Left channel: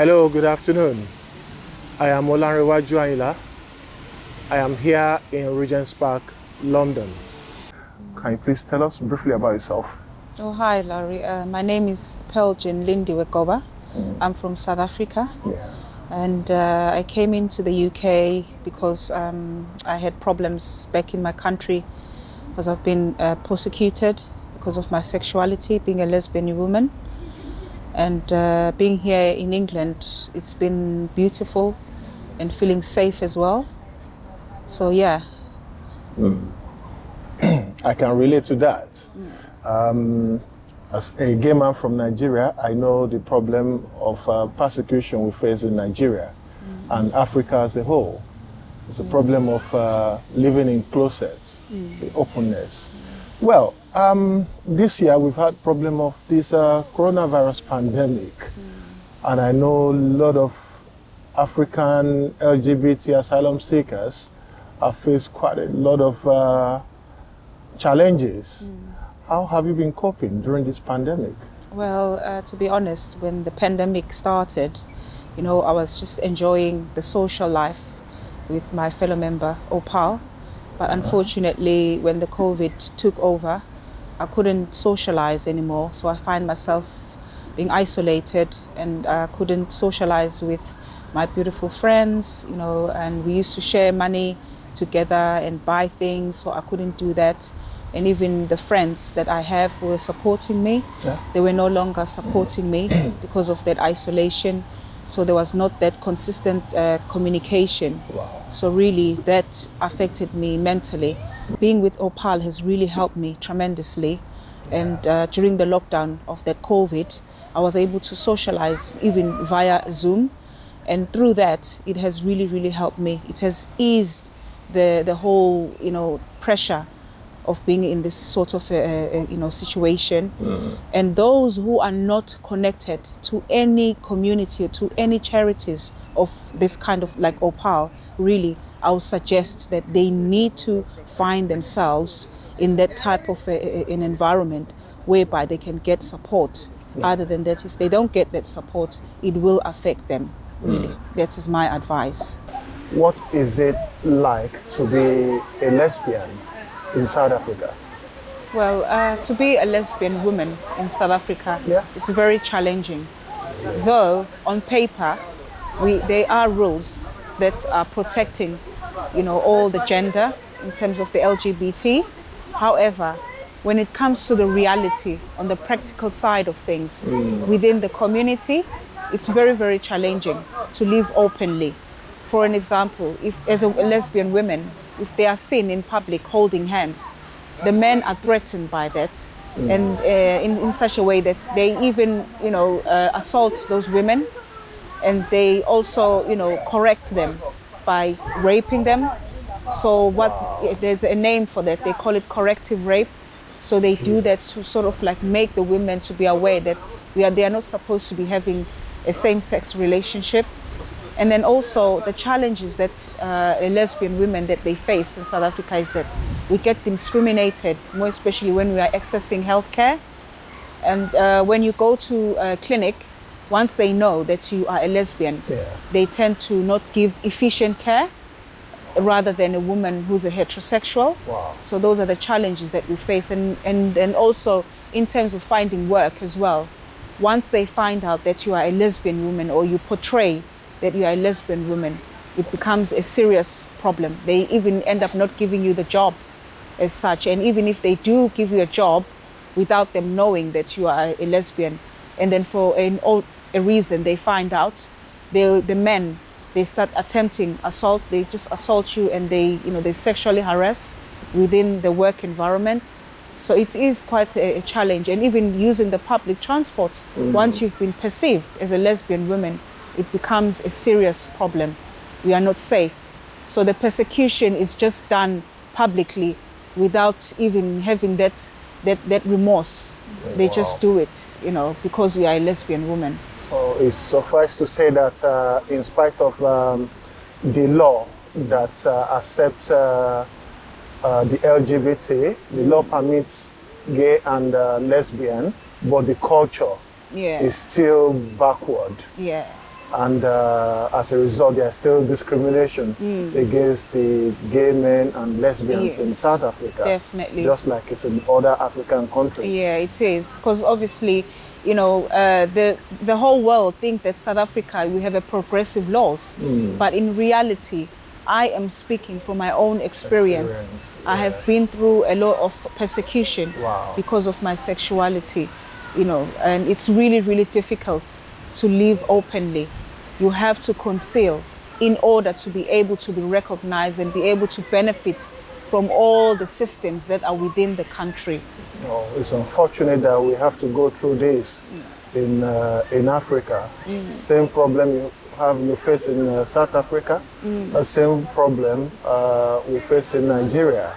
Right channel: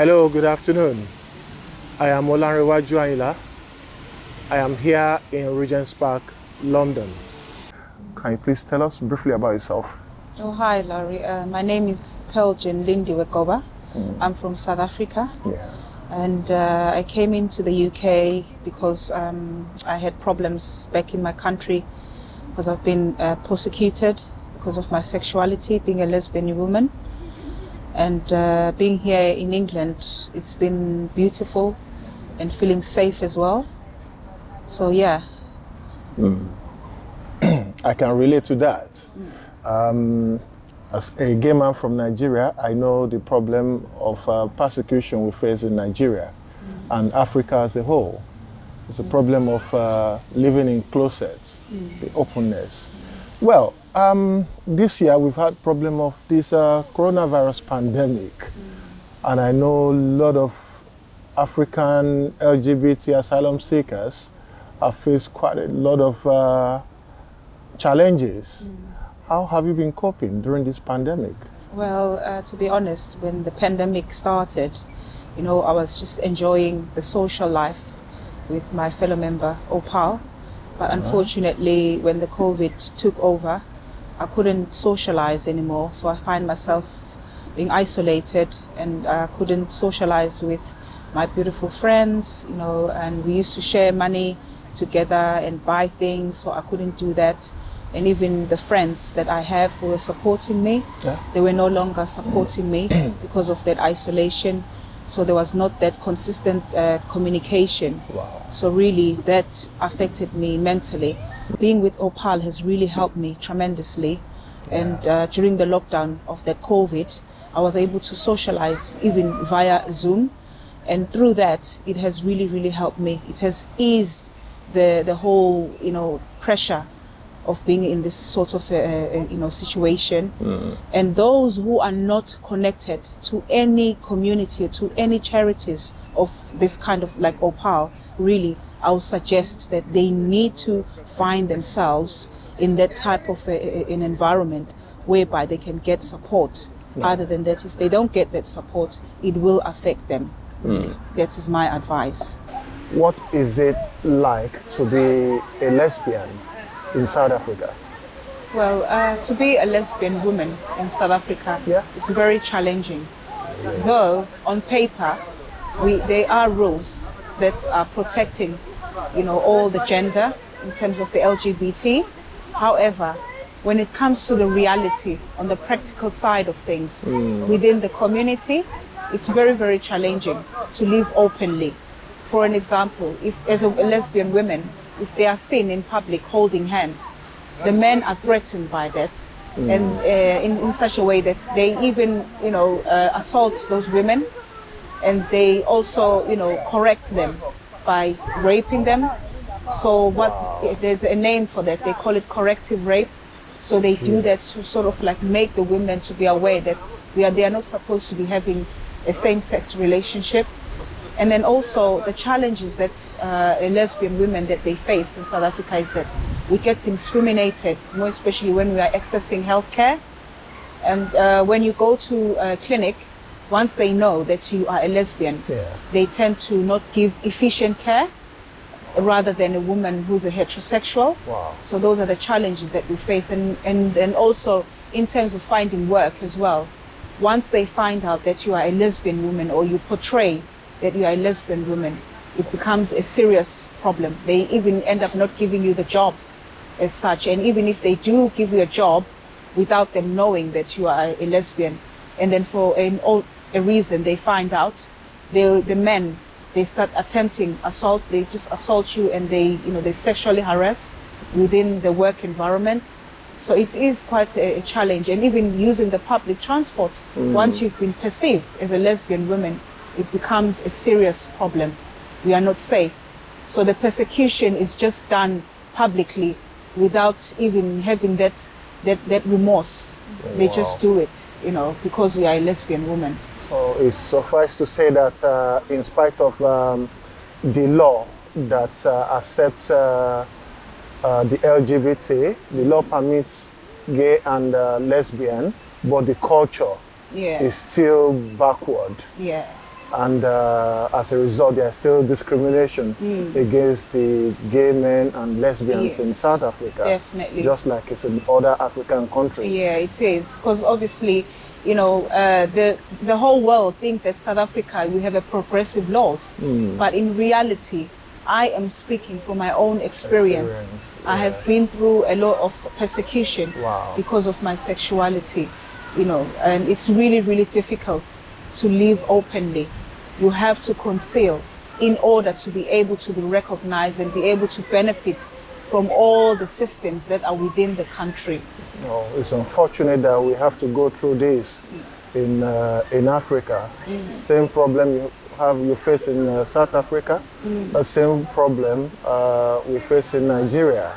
Hello, good afternoon. I am Olanrewaju Ayinla. I am here in Regent's Park, London. Can you please tell us briefly about yourself? Oh, hi, Larry. My name is Pearlgin Wekoba. I'm from South Africa. And I came into the UK because I had problems back in my country because I've been persecuted because of my sexuality, being a lesbian woman. And being here in England, it's been beautiful and feeling safe as well. So, yeah. I can relate to that. As a gay man from Nigeria, I know the problem of persecution we face in Nigeria and Africa as a whole. It's a problem of living in closets, the openness. Well, this year we've had problem of this coronavirus pandemic, and I know a lot of African LGBT asylum seekers have faced quite a lot of challenges. How have you been coping during this pandemic? Well, to be honest, when the pandemic started, I was just enjoying the social life with my fellow member, Opal. But unfortunately, when the COVID took over, I couldn't socialize anymore. So I find myself being isolated, and I couldn't socialize with my beautiful friends, and we used to share money together and buy things, so I couldn't do that. And even the friends that I have who were supporting me, they were no longer supporting me because of that isolation. So there was not that consistent communication. So really that affected me mentally. Being with Opal has really helped me tremendously. And during the lockdown of that COVID, I was able to socialize even via Zoom. And through that, it has really, really helped me. It has eased the whole, pressure of being in this sort of situation. And those who are not connected to any community, to any charities of this kind of like Opal, really, I would suggest that they need to find themselves in that type of an environment whereby they can get support. Other than that, if they don't get that support, it will affect them. Really, that is my advice. What is it like to be a lesbian in South Africa? Well, to be a lesbian woman in South Africa, it's very challenging. Though on paper, there are rules that are protecting, all the gender in terms of the LGBT. However, when it comes to the reality on the practical side of things within the community, it's very, very challenging to live openly. For an example, if as a lesbian woman, if they are seen in public holding hands, the men are threatened by that, and in such a way that they even, assault those women, and they also, correct them by raping them. So there's a name for that. They call it corrective rape. So they do that to sort of like make the women to be aware that they are not supposed to be having a same-sex relationship. And then also the challenges that lesbian women that they face in South Africa is that we get discriminated, more especially when we are accessing healthcare. And when you go to a clinic, once they know that you are a lesbian, they tend to not give efficient care rather than a woman who's a heterosexual. So those are the challenges that we face. And also in terms of finding work as well. Once they find out that you are a lesbian woman or you portray that you are a lesbian woman, it becomes a serious problem. They even end up not giving you the job as such. And even if they do give you a job without them knowing that you are a lesbian, and then for a reason they find out, the men, they start attempting assault. They just assault you, and they sexually harass within the work environment. So it is quite a challenge. And even using the public transport, once you've been perceived as a lesbian woman, it becomes a serious problem. We are not safe. So the persecution is just done publicly without even having that remorse. They just do it, because we are a lesbian woman. So it's suffice to say that in spite of the law that accepts the LGBT, the law permits gay and lesbian, but the culture is still backward. And as a result, there's still discrimination against the gay men and lesbians in South Africa. Definitely. Just like it's in other African countries. Yeah, it is. Because obviously, you know, the whole world think that South Africa, we have a progressive laws. But in reality, I am speaking from my own experience. I have been through a lot of persecution because of my sexuality, you know, and it's really, really difficult to live openly. You have to conceal in order to be able to be recognized and be able to benefit from all the systems that are within the country. No, it's unfortunate that we have to go through this in Africa. Same problem you face in South Africa, the same problem we face in Nigeria.